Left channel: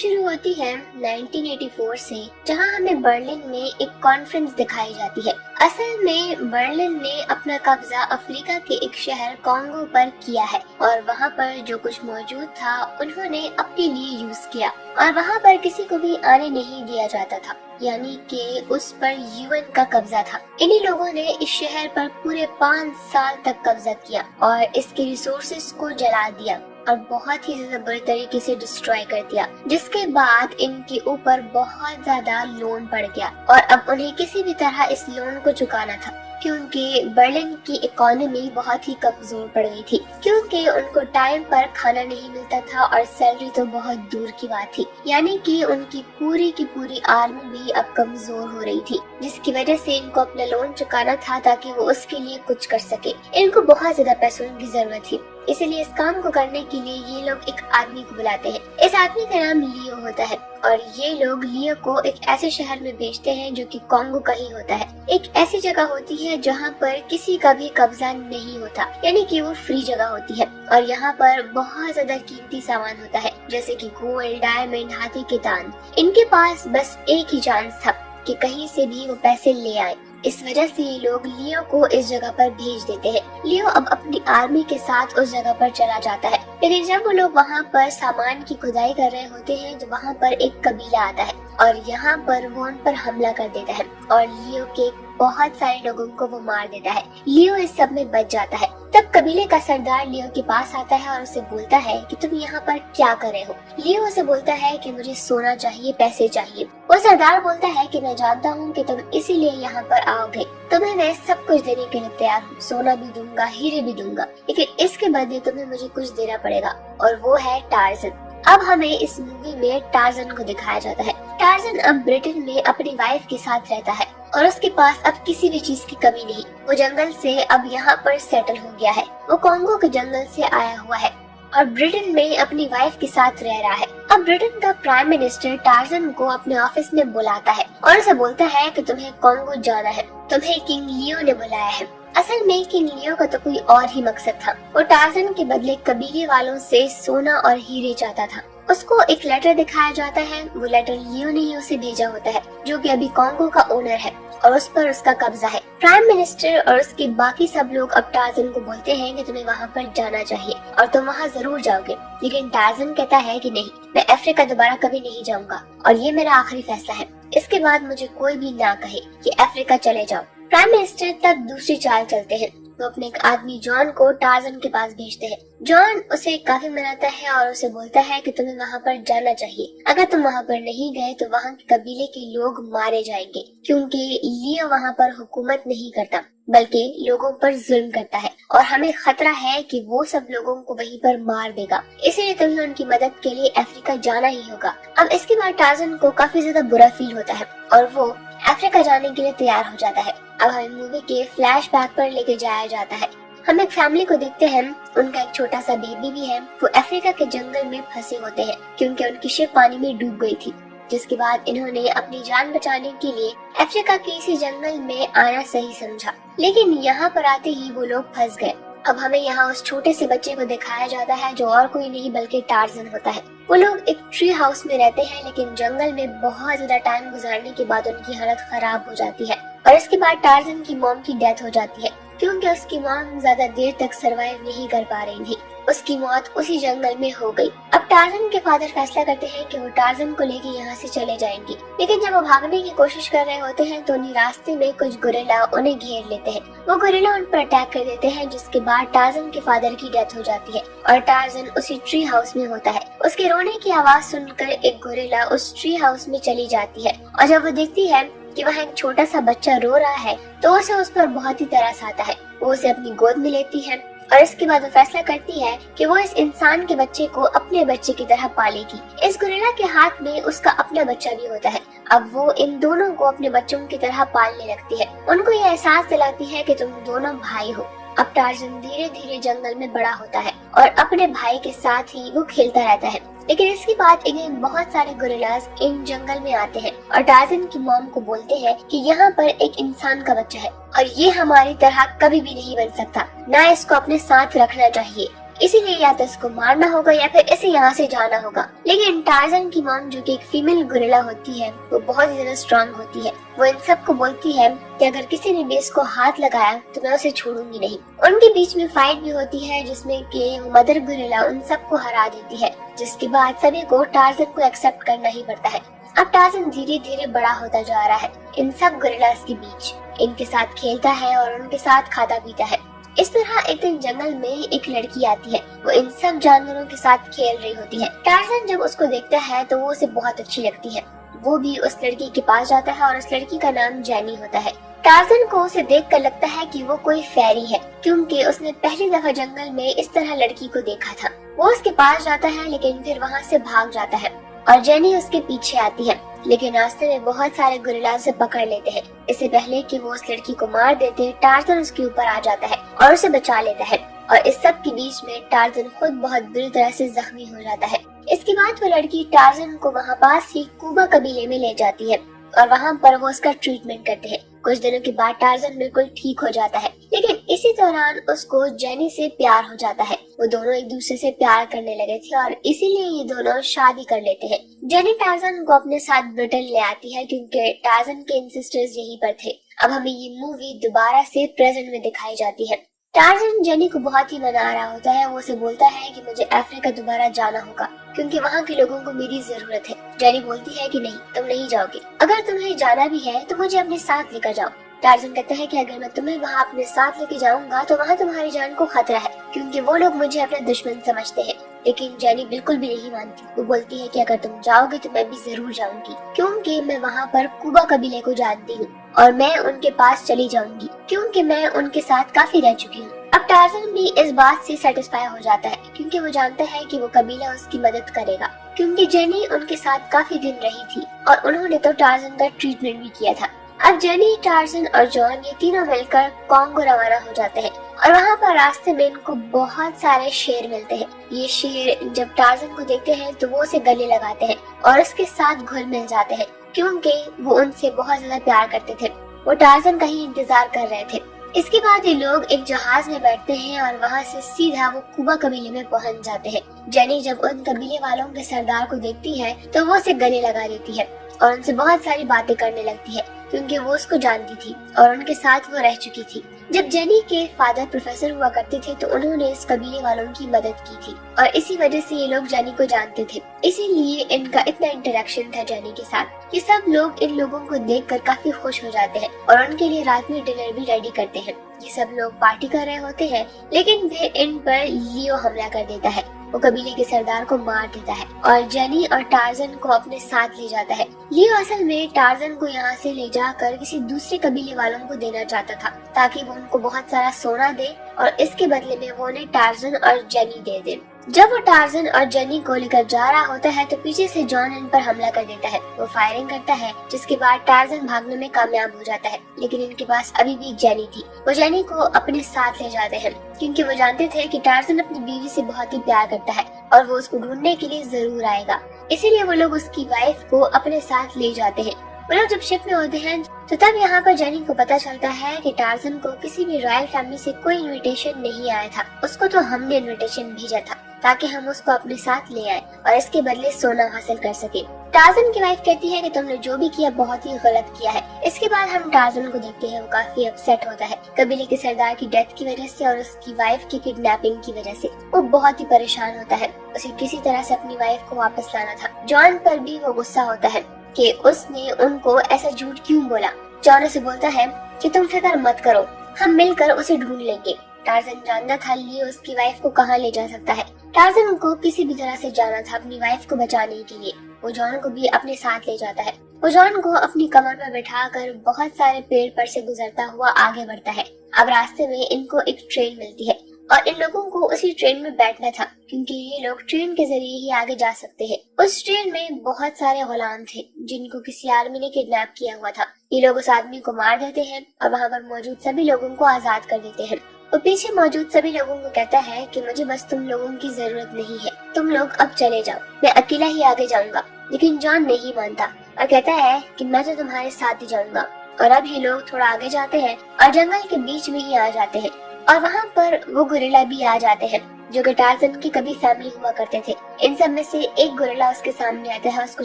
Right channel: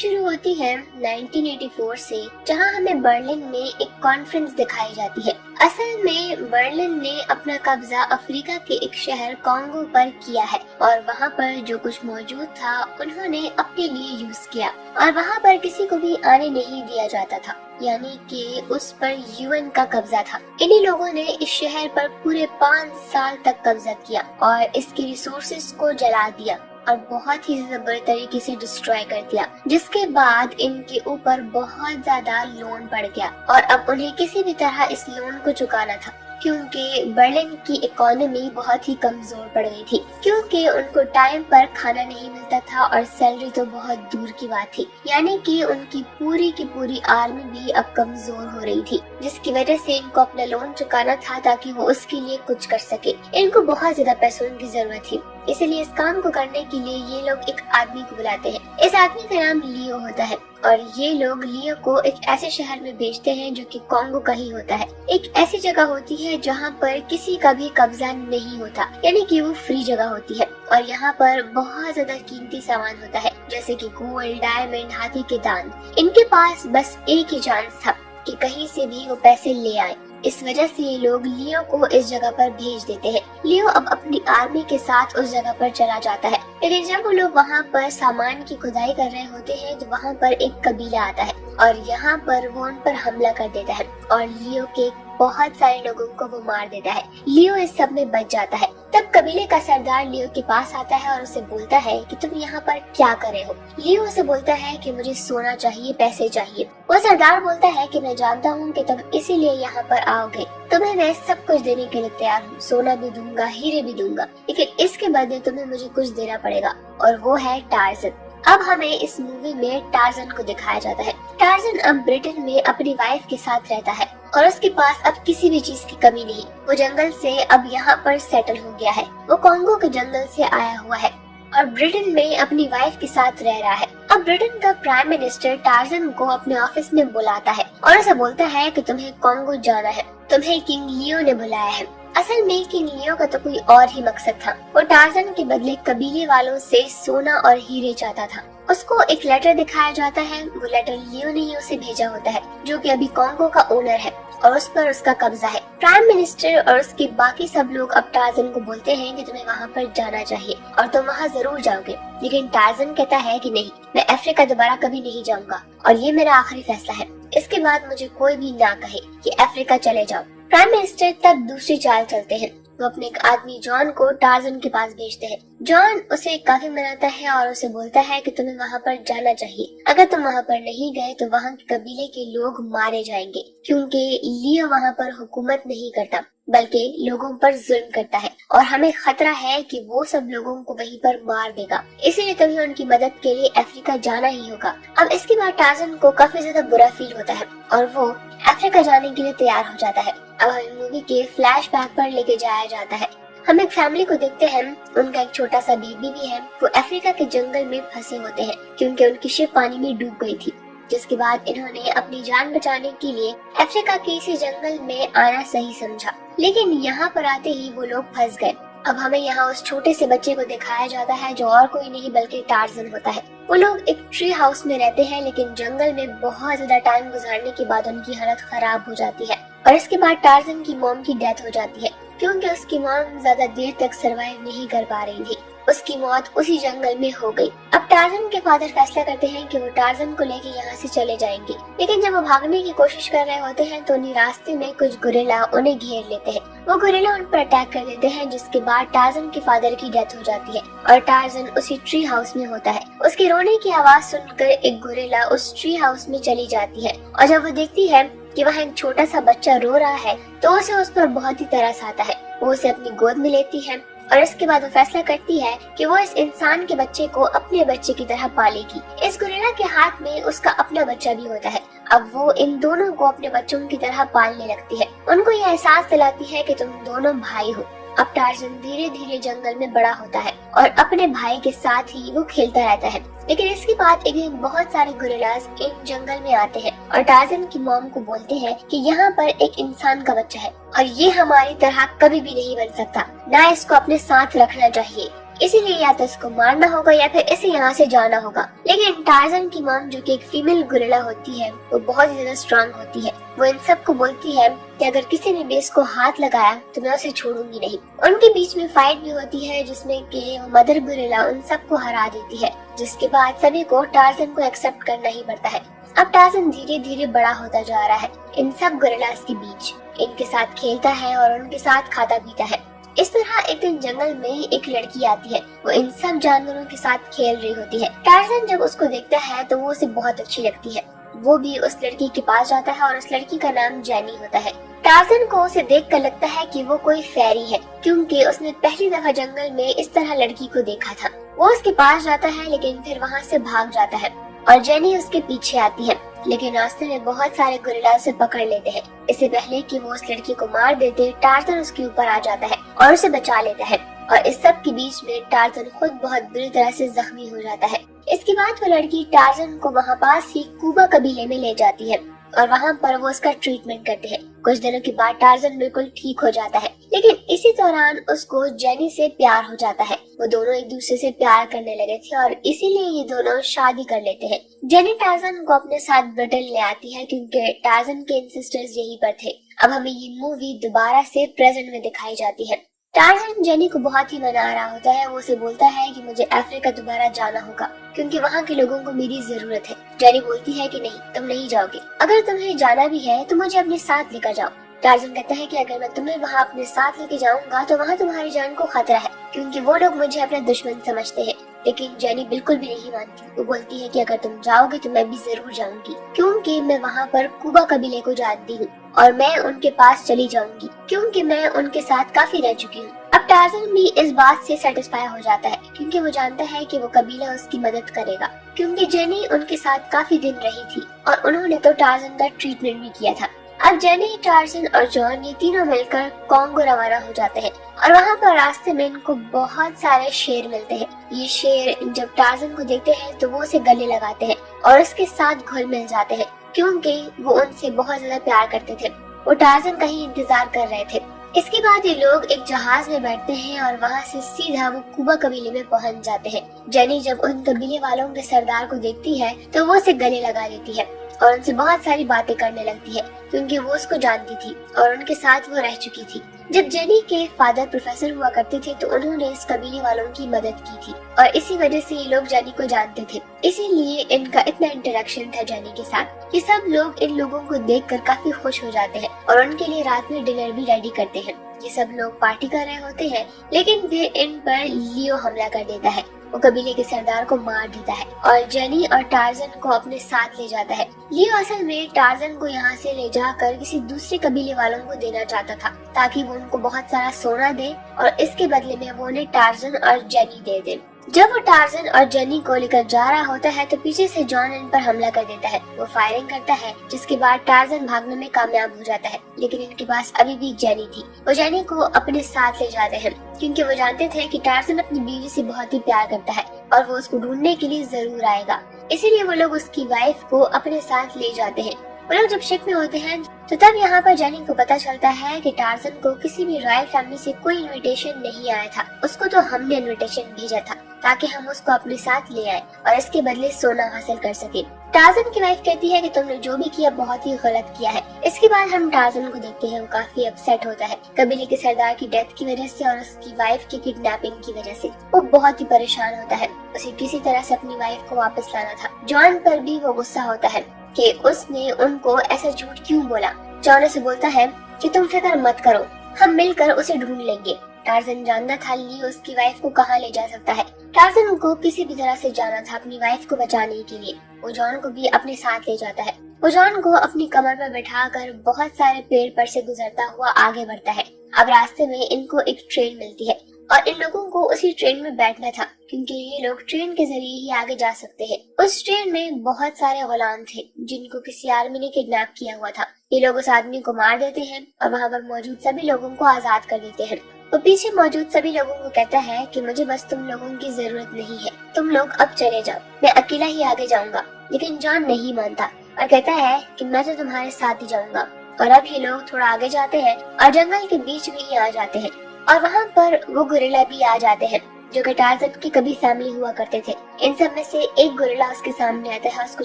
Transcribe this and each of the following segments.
شروع ہوتی ہے 1984 سے، جہاں ہمیں برلن میں ایک کانفرنس دکھائی جاتی ہے۔ اصل میں برلن نے اپنا قبضہ افریقہ کے ایک شہر کانگو پر کیا ہے، اور وہاں پر جو کچھ موجود تھا انہوں نے اپنے لیے یوز کیا، اور وہاں پر کسی کو بھی آنے نہیں دیا جاتا تھا، یعنی کہ اس پر UN کا قبضہ تھا۔ انہی لوگوں نے اس شہر پر پورے 5 سال تک قبضہ کیا اور اس کے ریسورسز کو جلا دیا اور بہت ہی زیادہ برے طریقے سے ڈسٹروائے کر دیا، جس کے بعد ان کے اوپر بہت زیادہ لون پڑ گیا، اور اب انہیں کسی بھی طرح اس لون کو چکانا تھا، کیونکہ برلن کی اکانومی بہت ہی کمزور پڑ گئی تھی، کیونکہ ان کو ٹائم پر کھانا نہیں ملتا تھا اور سیلری تو بہت دور کی بات تھی، یعنی کہ ان کی پوری آرمی بھی اب کمزور ہو رہی تھی، جس کی وجہ سے ان کو اپنا لون چکانا تھا تاکہ وہ اس کے لیے کچھ کر سکے۔ ان کو بہت زیادہ پیسوں کی ضرورت تھی، اسی لیے اس کام کو کرنے کے لیے یہ لوگ ایک آدمی کو بلاتے ہیں۔ اس آدمی کا نام لیو ہوتا ہے، اور یہ لوگ لیو کو ایک ایسے شہر میں بھیجتے ہیں جو کہ کانگو کا ہی ہوتا ہے، ایک ایسی جگہ ہوتی ہے جہاں پر کسی کا بھی قبضہ نہیں ہوتا، یعنی کہ وہ فری جگہ ہوتی ہے، اور یہاں پر بہت زیادہ قیمتی سامان ہوتا ہے، جیسے کہ گولڈ، ڈائمنڈ، ہاتھی کے دانت۔ ان کے پاس بس ایک ہی چانس تھا کہ کہیں سے بھی وہ پیسے لے آئے، اس وجہ سے یہ لوگ لیو کو اس جگہ پر بھیج دیتے ہیں۔ لیو اب اپنی آرمی کے ساتھ اس جگہ پر چلا جاتا ہے، لیکن جب وہ لوگ وہاں پر سامان کی کھدائی کر رہے ہوتے ہیں تو وہاں پر ایک قبیلہ آتا ہے، اور یہاں پر وہ ان پر حملہ کر دیتا ہے، اور لیو کے بہت سارے لوگوں کو وہ مار دیتا ہے۔ لیو اس سب میں بچ جاتا ہے۔ تب قبیلے کا سردار لیو کے پاس آتا ہے اور اسے بولتا ہے کہ تم یہاں پر کیا کر رہے ہو؟ لیو اسے بولتا ہے کہ مجھے سونا چاہیے، پیسے چاہیے۔ وہ سردار بولتا ہے کہ میں جانتا ہوں کہ تم اسی لیے یہاں پر آؤ گے، تمہیں میں سب کچھ دینے کے لیے تیار ہوں، سونا بھی دوں گا، ہیرے بھی دوں گا، لیکن اس کے بدلے تمہیں مجھے کچھ دینا پڑے گا، اور وہ ہے ٹارزن۔ اب ہمیں اس مووی میں ٹارزن کو دکھایا جاتا ہے۔ ٹارزن اب برٹن میں اپنی وائف کے ساتھ رہتا ہے، اور اس کے پاس اب کسی بھی چیز کی کمی نہیں۔ وہ جنگل سے اب یہاں پر سیٹل ہو گیا ہے، وہ کانگو کے جنگل سے آیا ہوا ہے، اور برٹن میں اپنی وائف کے ساتھ رہ رہا ہے۔ اب برٹن کا پرائم منسٹر ٹارزن کو اپنے آفس میں بلاتا ہے اور اسے بولتا ہے کہ تمہیں کانگو جانا ہے، تمہیں کنگ لیو نے بلایا ہے۔ اصل میں کنگ لیو کا تو کوئی اور ہی مقصد تھا، وہ ٹارزن کے بدلے قبیلے والوں سے سونا اور ہیرے چاہتا تھا۔ اس کو ایک لیٹر دکھایا جاتا ہے، وہ لیٹر لیو نے ہی اسے بھیجا ہوتا ہے، جو کہ ابھی کانگو کا اونر ہے، اور اس پر اس کا قبضہ ہے۔ پرائم منسٹر اور اس کے باقی سب لوگ اب ٹارزن کو بولتے ہیں کہ تمہیں وہاں پر جانا چاہیے اور تم وہاں ضرور جاؤ گے، لیکن ٹارزن کہتا ہے کہ نہیں، میں افریقہ دوبارہ کبھی نہیں جاؤں گا، اور یہ میرا آخری فیصلہ ہے، اس کے بعد مجھے کوئی بھی نہ کہے کہ افریقہ چلے جاؤ۔ پرائم منسٹر تب دوسری چال چلتے ہیں، وہ اپنے ایک آدمی جان کو ٹارزن کے پاس بھیجتے ہیں۔ جان اسے کافی مناتا ہے اور اسے بولتا ہے کہ تمہیں وہاں پر جانا چاہیے، اگر تم وہاں پر نہیں گئے تو وہاں کے قبیلے کے لوگ مارے جائیں گے، کیونکہ لیو وہاں پر حکومت نہیں کرتا بلکہ لوگوں پر ظلم کرتا ہے، اور ہمیں خطرہ ہے کہ وہ سب لوگوں کو وہیں پر مار دے گا، اسی لیے تمہیں ان کی مدد کے لیے افریقہ جانا ہی ہوگا۔ اب اس کے بعد ٹارزن کو کافی زیادہ برا فیل ہوتا ہے، اور وہ افریقہ جانے کے لیے تیار ہو جاتا ہے۔ اب ہمیں مووی کے فلیش بیک پر لے کے جایا جاتا ہے، ہم ایک فیملی کو دیکھتے ہیں، ان کا ایک چھوٹا سا بیبی بھی ہے، وہ افریقہ کے جنگل میں پھنسے ہوتے ہیں کیونکہ ان کی شپ پانی میں ڈوب گئی تھی، جس کے بعد انہوں نے اپنی جان بچانے کے لیے افریقہ کے اسی جنگل میں آنا صحیح سمجھا، لیکن یہاں پر آتے ہی وہ لوگ پھنس گئے۔ اب ہمیں یہاں اس چھوٹے سے بچے کو دکھایا جاتا ہے جو اور کوئی نہیں بلکہ ٹارزن ہوتا ہے۔ وہ لوگ ایک ٹری ہاؤس میں رہتے ہیں، لیکن جنگل میں بہت زیادہ ٹائم گزارنے کے بعد ان کی حالت خراب ہو جاتی ہے، اور اس کے بعد ٹارزن کی موم کی ڈیتھ ہو جاتی ہے، کیونکہ اس کی موم زیادہ دیر تک سروائیو نہیں کر پا رہی تھی، اس کی موت اسی جنگل میں ہو گئی۔ اب ٹارزن کے فادر فیصلہ کرتے ہیں کہ وہ ٹارزن کو لے کے یہاں سے چلے جائیں گے، لیکن جب وہ بھاگنے کی کوشش کر رہے ہوتے ہیں تو انہیں راستے میں کچھ گوریلا انہیں گھیر لیتے ہیں، وہ گوریلا ان پر اٹیک کر دیتے ہیں، جس کے بعد ٹارزن کے فادر کی ڈیتھ ہو جاتی ہے، اور ٹارزن اسی ٹری ہاؤس میں ہوتا ہے۔ اس کے رونے کی آواز سن کر ایک گوریلا اس ٹری ہاؤس میں چلی جاتی ہے، اور جب وہ دیکھتی ہے کہ وہاں ایک چھوٹا سا بچہ رو رہا ہے تو اسے اس پر بہت ہی ترس آتا ہے، وہ اسے اپنی گود میں لیتی ہے، اور اس کے بعد وہ فیصلہ کرتی ہے کہ وہ اس انسان کے بچے کو اپنے بچے کی طرح پالے گی۔ اس گوریلا کے ہاتھ میں اس کا اپنا بچہ بھی ہوتا ہے، اب وہ ان دونوں کو اپنے بچوں کی طرح پالنے لگتی ہے، ان کو یہ احساس دلاتی ہے کہ تم دونوں بھائی ہو۔ اب ٹارزن دھیرے دھیرے جنگل میں بڑا ہوتا ہے اور اپنے بھائی کے ساتھ ہی وہ کھیلتا رہتا ہے، لیکن اس کے بعد ایک بہت سارے گوریلاز ان جنگل میں آتے ہیں اور ٹارزن کی موم کو بولتے ہیں کہ یہاں پر ایک انسان کا بچہ ہے اور یہ ہماری طرح کبھی بھی نہیں بن سکتا، نہ اس کو اپنے ساتھ رکھنا چاہیے۔ इसीलिए या तो इसको मारना होगा या फिर इसे यहाँ से जाना होगा। लेकिन टार्जन की मॉम, जो कि एक फीमेल गोरिल्ला होती है, वो बहुत ही ज्यादा स्ट्रांग होती है। वो इन सब को बोलती है कि अगर किसी ने भी इसको हाथ लगाया तो मैं उसे छोड़ूंगी नहीं। उनके बीच में फाइट भी होती है, जिसमें कि मदर गोरिल्ला उन सबको हरा देती है, जिसके बाद सभी को टार्जन को एक्सेप्ट करना ही पड़ता है। अब टार्जन धीरे धीरे बड़ा होता जा रहा है, इन सब गोरिल्लास के बीच इनके साथ खेलता है और उनके साथ खाता पीता है। इस तरह एक दिन जंगल में एक लड़की आती है, वो इन सब जानवरों के साथ खेल रही होती है। टार्जन जब उसको देखता है तो वो उसे बहुत अच्छी लगती है। वो भी उस लड़की के पास जाता है और उस लड़की का नाम जेनी होता है। टार्जन को उसे देखकर लगता है कि वो कोई फेरी है, क्योंकि उसने पहली दफा जंगल में इस तरह लड़की को देखा था। वो उसके पास जाता है लेकिन फिर वहाँ से भाग जाता है और जेनी उसके पीछे आती है, लेकिन रास्ते में बहुत सारे गोरिल्ला उसे पकड़ लेते हैं। इससे पहले कि वो उस लड़की को मार देते, टार्जन उसके ऊपर आ जाता है और उसे बचा लेता है। और इस सब के बीच में टार्जन खुद बहुत बुरी तरह से जख्मी हो जाता है। इसके बाद वो लड़की टार्जन को वहाँ पास ही कूबा कबीले में ले जाती है और वहाँ पर वो उसका ट्रीटमेंट करते हैं। कुछ दिनों के बाद टार्जन बिल्कुल ठीक हो जाता है, लेकिन इसी दौरान उसको जेनी से प्यार हो जाता है। वो दोनों एक दूसरे से प्यार करने लगे थे और इसीलिए ये दोनों शादी कर लेते हैं। जेनी टार्जन को अपने साथ ब्रिटेन ले आती है, क्योंकि टार्जन के एंसेस्टर्स यहीं पर थे। अब हमें ये मूवी दोबारा से प्रेजेंट में दिखाई जाती है। टार्जन जेनी को बहुत ही मना रहा होता है। वो उसे बोलता है कि मुझे अफ्रीका दोबारा जाना होगा, क्योंकि वहाँ के लोगों को मेरी जरूरत है। जेनी बोलती है कि नहीं, तुम नहीं जाओगे। अगर तुम्हें जाना भी है तो मुझे अपने साथ लेकर जाओ। टार्जन कहता है कि अगर मैं तुम्हें वहाँ अपने साथ लेके जाऊंगा तो वहाँ तुम्हारी जान को खतरा है, क्योंकि वो लोग मुझे अपना दुश्मन समझते हैं। लेकिन जेनी बिल्कुल भी नहीं मानती। वो बोलती है कि अगर तुम जाओगे तो मैं भी जरूर जाऊंगी, क्योंकि मैं वहाँ पर कूबा कबीले को जानती हूँ और मैं उनके पास चली जाऊंगी, क्योंकि मैं उनके साथ काफी रह चुकी हूँ। अब टार्जन भी इस बात से सेटिस्फाई हो जाता है, क्योंकि वो जानता है कि वो कबीला उसकी मदद करेगा, क्योंकि जेनी उनके साथ काफी दिन रही थी और उन्होंने तो टार्जन का ट्रीटमेंट भी किया था। अब जेनी, टार्जन और जॉन ये तीनों मिलकर कॉन्गो रवाना हो जाते हैं और वहाँ पर रास्ते में इनको बहुत सारे शेर मिलते हैं। ये शेर जब टार्जन को देखते हैं तो वो उसे गले लगाते हैं और उसके साथ घुल मिल जाते हैं, क्योंकि वो उनसे बहुत ज्यादा प्यार करते थे। वो टार्जन का ही इंतजार कर रहे थे। इसके बाद ये लोग एक जहाज में बैठते हैं और वहाँ से सीधा वो कूबा कबीले में पहुँच जाते हैं। जेनी जब उन कबीले वालों के सरदार को देखती है तो वो उसे गले लगा देती है और उनसे बहुत सारी बातें करने लगती है, क्योंकि वो उसको जानती थी और उनके साथ वो रह चुकी थी। जब जेनी के फादर प्रोफेसर हुआ करती थी तो उन्होंने इस कबीले वालों की मदद की थी और इसी वजह से ये लोग जेनी को जानते थे, इसीलिए इनका इतना इंटरेक्शन था जेनी के साथ। ये सब लोग इन लोगों को देखकर काफी खुश हो जाते हैं और उनके लिए रात में डिनर भी रेडी करते हैं। ये सब लोग पार्टी कर रहे होते हैं, लेकिन फिर इन पर लियो हमला कर देता है। वो कबीले के सरदार को मार देता है और जेनी और टार्जन को अपने साथ ले जाता है। लियो असल में टार्जन को यहाँ से ले जाकर किसी दूसरे कबीले वालों को देना चाहता था, ताकि वो उनको बहुत सारा सोना दे और इसके बदले में वो उन्हें टार्जन और जेनी दे दे। जब वो टार्जन और जेनी को लेकर जा रहा होता है तो पीछे से जॉन इन पर हमला कर देता है। वो फायरिंग करता है, जिसके बाद टार्जन भागने में कामयाब हो जाता है, लेकिन इनके पास अभी भी जेनी थी। वो जेनी को अपने साथ ले जाते हैं, क्योंकि वो जानते थे कि टार्जन अपनी बीवी से बहुत ही प्यार करता है और वो उसको ढूंढने के लिए जरूर आएगा। इसीलिए वो लोग उसकी वाइफ को अपने साथ ले जाते हैं। वो लोग जब शिप में होते हैं तो तब यहाँ पर जेनी को पता चलता है कि टार्जन को किसी भी रॉयल फैमिली से कोई इनविटेशन नहीं आया था। उसको तो हमने इनविटेशन भेजा था ताकि हम उसको अपने साथ ले आए और इसके बदले सोना हासिल कर सके। टार्जन की वाइफ कहती है कि तुमने जो भी किया बहुत ही गलत किया है। इसके बाद हम टार्जन को देखते हैं, वो काफी अपसेट होता है कबीले के सरदार की डेथ की वजह से और उसकी वाइफ की किडनैपिंग की वजह से। वो बहुत ही परेशान होता है, उसे किसी तरह से अपनी वाइफ को वापस लाना था। जॉन पर भी वो गुस्सा होता है कि उसने उनको ऐसा झूठ क्यों बोला। जॉन से बोलता है कि तुम फिक्र मत करो, हम मिलकर उसे ढूंढ लेंगे। टार्जन जानता था लियो उसकी वाइफ को कहाँ ले जा सकता है। टार्जन को किसी भी तरह से जाना था अपनी वाइफ को बचाने के लिए। वो जॉन को भी अपने साथ ले जाता है। वो जॉन को अपनी कमर पर बैठाकर बहुत सारे पेड़ पर से गुजरता हुआ आगे बढ़ता है। अब रास्ते में इनको एक ट्रेन मिलती है और इन लोगों को उसी ट्रेन में बैठना था, क्योंकि ये लोग ट्रेन के जरिए ही आगे जा सकते हैं। उस ट्रेन में बहुत सारे गुलाम थे जिनको किसी आदमी ने किडनैप किया हुआ था। ये लोग उस आदमी को मार देते हैं और वहाँ पर मौजूद सभी लोगों को आजाद कर देते हैं। वो पीछे मौजूद सभी लोगों को कहता है कि मुझे बस तुम लोगों की जरूरत नहीं है, तुम लोग अब चले जाओ, मैं अकेला ही आगे जाऊंगा। लेकिन जॉन नहीं मानता और कहता है कि मैं तो तुम्हारे साथ ही जाऊंगा। और अब ये लोग थोड़ा आगे जाते हैं और जंगल के बीच में ही आ जाते हैं और वहाँ पर वो गोरिल्ला भी आ जाते हैं। जो कि टार्जन की कभी फैमिली हुआ करते थे। इन सब में से एक गोरिल्ला उसके सामने आता है, उसको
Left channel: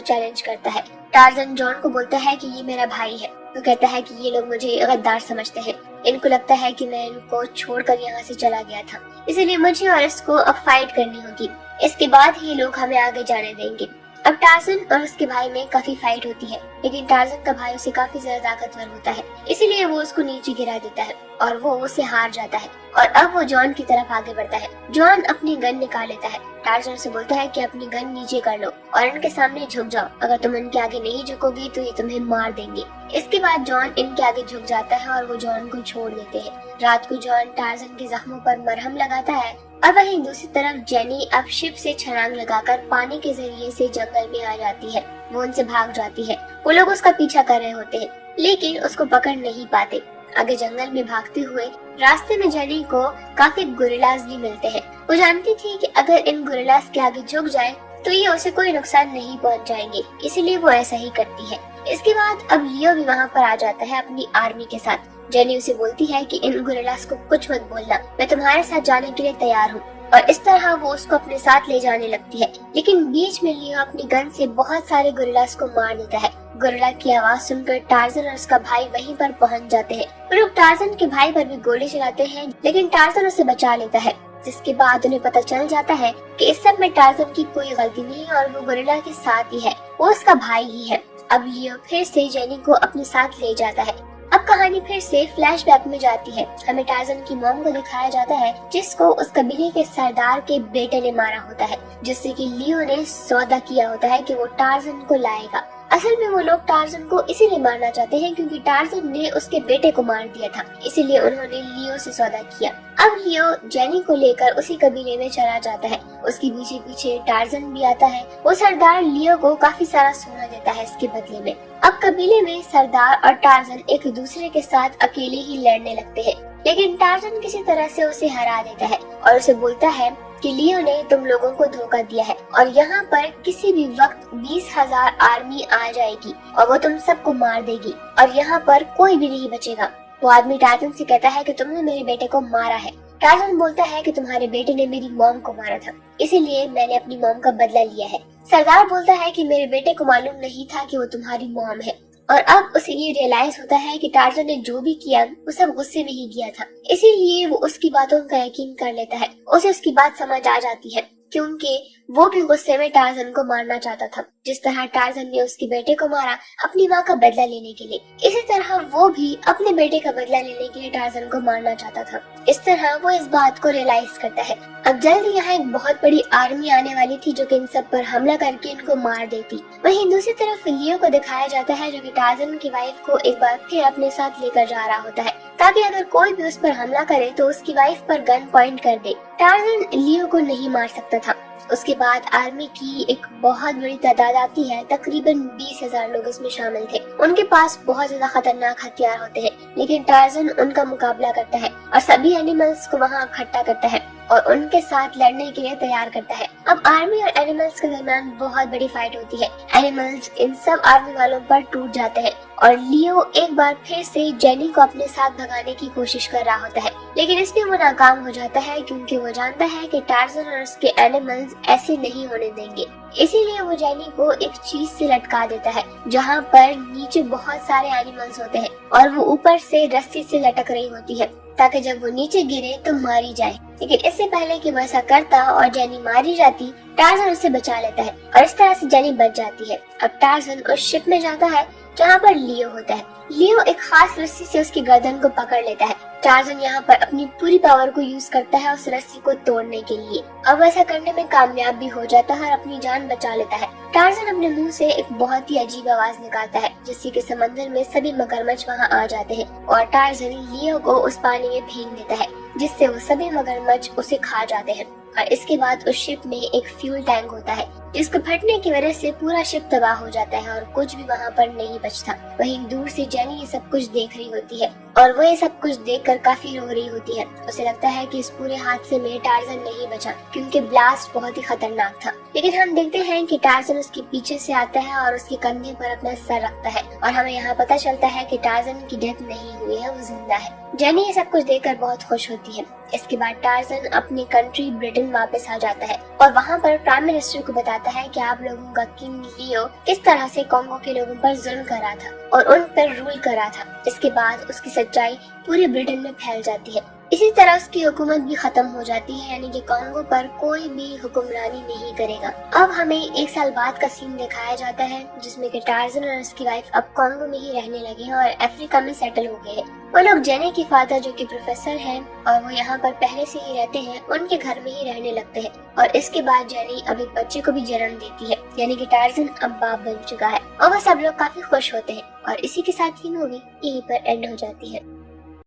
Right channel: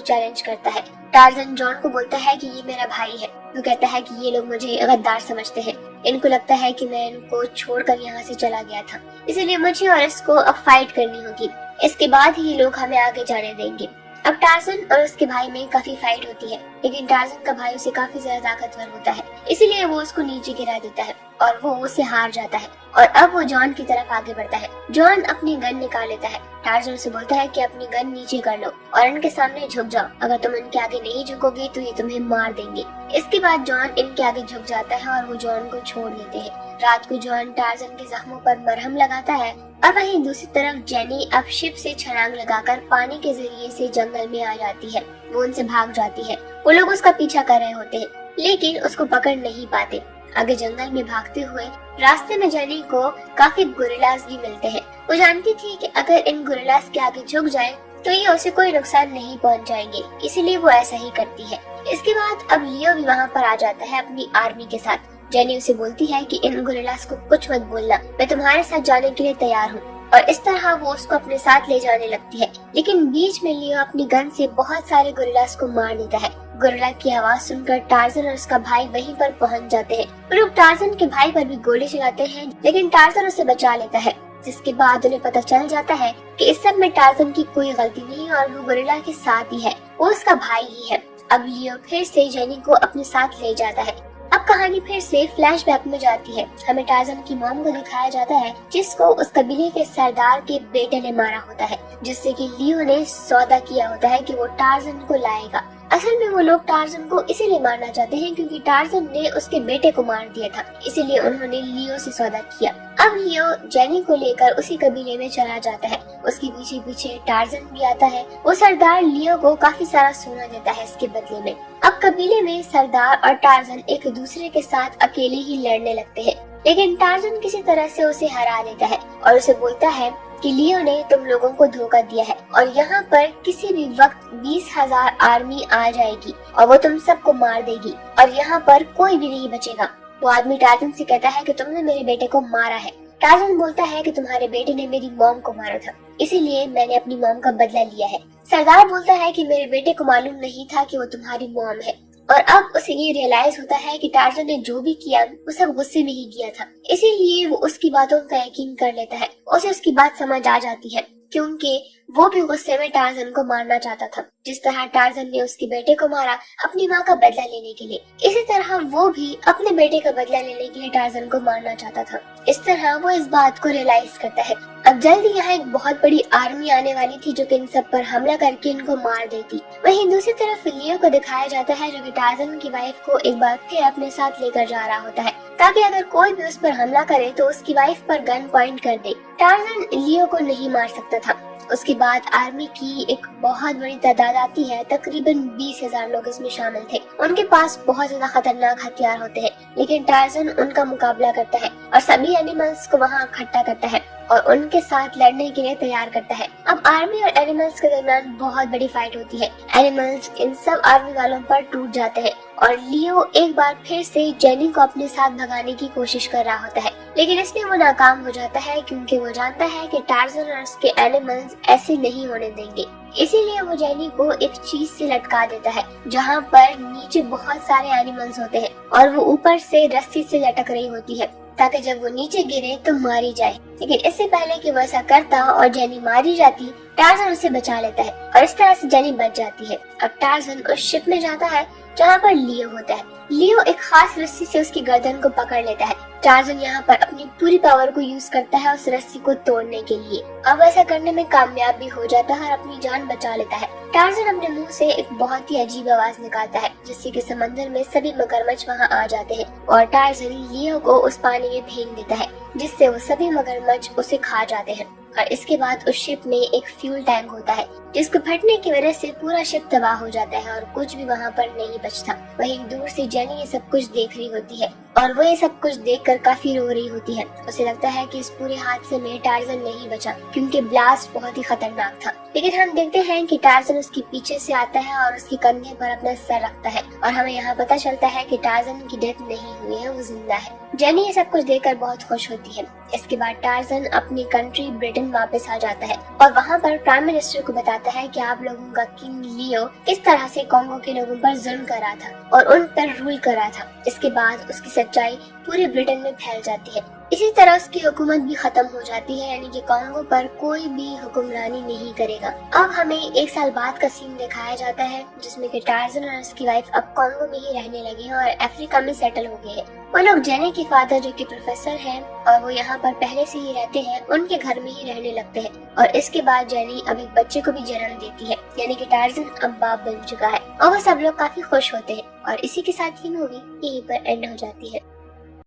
चैलेंज करता है। टार्जन जॉन को बोलता है कि ये मेरा भाई है। वो कहता है कि ये लोग मुझे गद्दार समझते हैं, इनको लगता है कि मैं इनको छोड़कर यहाँ से चला गया था, इसलिए मुझे और इसको अब फाइट करनी होगी। इसके बाद ही लोग हमें आगे जाने देंगे। अब टार्जन और उसके भाई में काफी फाइट होती है, लेकिन टार्जन का भाई उसे काफी ज्यादा ताकतवर होता है, इसलिए वो उसको नीचे गिरा देता है और वो उसे हार जाता है। और अब वो जॉन की तरफ आगे बढ़ता है। जॉन अपनी गन निकाल लेता है। टार्जन से बोलता है कि अपनी गन नीचे कर लो और इनके सामने झुक जाओ, अगर तुम इनके आगे नहीं झुकोगे तो ये तुम्हें मार देंगे। इसके बाद जॉन इनके आगे झुक जाता है और वो जॉन को छोड़ देते हैं। रात को जॉन टार्जन के जख्मों पर मरहम लगाता है और वहीं दूसरी तरफ जेनी अब शिप से छलांग लगाकर पानी के जरिए से जंगल में आ जाती है। वो उनसे भाग जाती है। वो लोग उसका पीछा कर रहे होते हैं, लेकिन उसको पकड़ नहीं पाते। आगे जंगल में भागते हुए रास्ते में जेनी को काफी गोरिल्लास भी मिलते हैं। वो जानती थी कि अगर इन गोरिल्लास के आगे झुक जाए तो ये उसे कोई नुकसान नहीं पहुंच जाएंगे, इसीलिए वो ऐसा ही करती है। इसके बाद अब लियो भी वहाँ पर आ जाता है अपनी आर्मी के साथ। जेनी उसे बोलती है कि इन गोरिल्लास को कुछ मत बोलना, मैं तुम्हारे साथ जाने के लिए तैयार हूँ। और इस तरह वो उसको अपने साथ ले जाने लगती है, लेकिन बीच में लियो अपनी गन से बहुत सारे गोरिल्लास को मार देता है। गोरिल्ला की आवाज सुनकर टार्जन और उसका भाई वहीं पर पहुंच जाते हैं। वो लोग टार्जन के भाई पर भी गोली चलाते हैं, लेकिन टार्जन उसे बचा लेता है। जिसके बाद उन्हें पता चल जाता है कि इस सब में टार्जन की कोई गलती नहीं और वो गोरिल्ला के साथ ही है, वो उसका भाई ही है। अब लियो फिर से जेनी को अपने साथ ले जाता है। अब कहानी फिर से फ्लैशबैक में जाती है। हमें टार्जन की मॉम को दिखाया जाता है, जिसको उस कबीले के सरदार के बेटे ने मारा होता है, जिससे कि लियो ने सौदा किया होता है कि वो टार्जन को लाएगा। असल में वो लोग टार्जन को इसीलिए मारना चाहते हैं क्योंकि टार्जन ने उसके बेटे को मार दिया था, इसीलिए उन्होंने लियो से सौदा किया। अब लियो जेनी को लेकर उसी कबीले में चला जाता है। उसके पीछे पीछे टार्जन भी आता है। वो सरदार लियो को काफी सारा सोना देता है इसके बदले में। अब कबीले में सरदार और टार्जन एक दूसरे के साथ अकेले ही लड़ने लगते हैं, लेकिन टार्जन किसी तरह से उसे हरा देता है और उसे बोलता है कि लियो ने तुम लोगों को धोखा दिया है और यहाँ पर किसी भी वक्त 20,000 आर्मी आ जाएगी और वो तुम सबको मार देगी और यहाँ पर कोई भी नहीं बचेगा। वो आदमी टार्जन से कहता है कि तुमने मेरे बेटे को मारा है। टार्जन बोलता है कि तुम्हारे बेटे ने मेरी मॉम को मारा था, इसीलिए मैंने अपनी मॉम का बदला लिया है। सरदार बोलता है कि मेरे बेटे को मालूम नहीं था कि वो तुम्हारी मॉम है। और अब उसे ये रियलाइज होता है कि टार्जन ने जो भी किया वो सब गुस्से में ही किया था, इसीलिए वो उसकी बातों का यकीन कर लेता है। उसे उसकी बात समझ आ जाती है क्योंकि वो भी गुस्से में टार्जन को मारना चाहता था। जिस तरह टार्जन ने उसके बेटे को मारा अपनी माँ का बदला लेने के लिए, इसी तरह वो भी अपने बेटे का बदला लेने के लिए टार्जन को मारना चाहता था। इस तरह वो इस बात को रियलाइज करता है। अब जल्दी यहाँ एक बहुत बड़ी आर्मी आने वाली थी जो कि इन सब पर हमला करके इनको मार देती। वहीं दूसरी तरफ लियो को दिखाया जाता है जो कि टार्जन की वाइफ को एक बार फिर अपने साथ लेकर जा रहा होता है, ताकि अगर कोई भी उस पर हमला करे तो उसकी वाइफ पर गन पॉइंट कर दे। टार्जन लियो को नहीं मार सकता था। उसके बाद आर्मी की एक बहुत बड़ी तादाद आती है, तकरीबन 20,000 लोग इसमें शामिल थे। उनके पास बहुत ज्यादा खतरनाक हथियार होते हैं, लेकिन टार्जन उनका मुकाबला करता है और सभी एनिमल्स को वहाँ इकट्ठा करता है और उनके साथ लड़ने के लिए तैयार करता है। अब आर्मी और एनिमल्स के दरमियान बहुत बड़ी फाइट होती है। एनिमल्स इन सब आर्मी वालों पर टूट जाते हैं और लियो एक बार फिर से जेनी को अपने साथ भगाने की कोशिश कर रहा होता है, लेकिन इसमें वो नाकाम हो जाता है क्योंकि वो जानता है कि टार्जन और उसके एनिमल्स ऐसे नहीं होने देंगे। इसीलिए वो जेनी को एक चीज से लटका देता है जहाँ पर नीचे बहुत सारे एनिमल्स होते हैं और वो ऊपर से रस्सी से लटक रही होती है, ताकि जब वो नीचे गिरे तो मारी जाए। लेकिन इससे पहले कि वो ऐसा करता और जेनी मारी जाती, टार्जन उसे बचा लेता है और इस तरह से जेनी बच जाती है। अब टार्जन उस शिप में जाता है जहाँ पर लियो होता है। लियो एक खास रस्सी से उसकी गर्दन को पकड़ लेता है। टार्जन यहाँ पर अपनी पूरी पावर को यूज करता है उस रस्सी को तोड़ने के लिए। अब ऐसा करने में कामयाब भी हो जाता है और अपनी जान बचा लेता है। टार्जन अपने मुंह से एक बहुत ही अजीब आवाज निकालता है, जिससे कि समंदर में सभी मगरमच्छ वहाँ आ जाते हैं और टार्जन लियो को उस पानी में फेंक देता है, जिससे वो सभी मगरमच्छ उसे खा जाते हैं। और इसके बाद उस शिप में एक फ्यूल टैंक होता है जिसको फटने की वजह से पूरा शिप तबाह हो जाता है और कुछ भी वहाँ पर नहीं बचता। वहीं दूर से जेनी ये सब कुछ देख रही होती है और वो ये सब कुछ देखकर काफी रो रही होती है। उसे लगता है कि इस पूरे हादसे में टार्ज़न नहीं बचा क्योंकि ब्लास्ट बहुत ही खतरनाक था। लेकिन हम देखते हैं कि टार्ज़न उसके पीछे से आता है और उसके कंधे पर अपना सर रखता है और हमें यहाँ पता चलता है कि टार्ज़न की डेथ नहीं हुई है, वो जिंदा है। जेनी ये सब कुछ देखकर बहुत खुश होती है। इसके बाद टार्ज़न अपनी कंट्री ब्रिटेन वापस आ जाता है और वहाँ पर प्राइम मिनिस्टर को बताता है कि आप लोगों का किंग लियो किस तरह से कॉन्गो के लोगों पर जुल्म कर रहा था और उन पर रूल कर रहा था। इसके बाद उसकी सच्चाई पूरे ब्रिटेन में फैल जाती है। इसी तरह उसकी हुकूमत भी खत्म हो जाती है, यानी कि कॉन्गो पर कोई भी हुक्मरानी नहीं करेगा। अब हमें 1 साल बाद का सीन दिखाया जाता है जिसमें कि टार्ज़न और उसकी वाइफ अब कॉन्गो में ही रहने लगे हैं और अफ्रीका में सेटल हो गए हैं। वो लोग जेनी के फादर जो कि प्रोफेसर हैं और वो यहाँ पर पहले से ही रहते हैं, उनके घर में ही रहने लगते हैं और इसके बाद जेनी अब एक बच्चे को भी जन्म देती है, यानी कि टार्ज़न अब बाप बन चुका है और वो सब लोग काफी खुश होते हैं। और इसी के साथ ही मूवी यहीं पर एंड हो जाती है।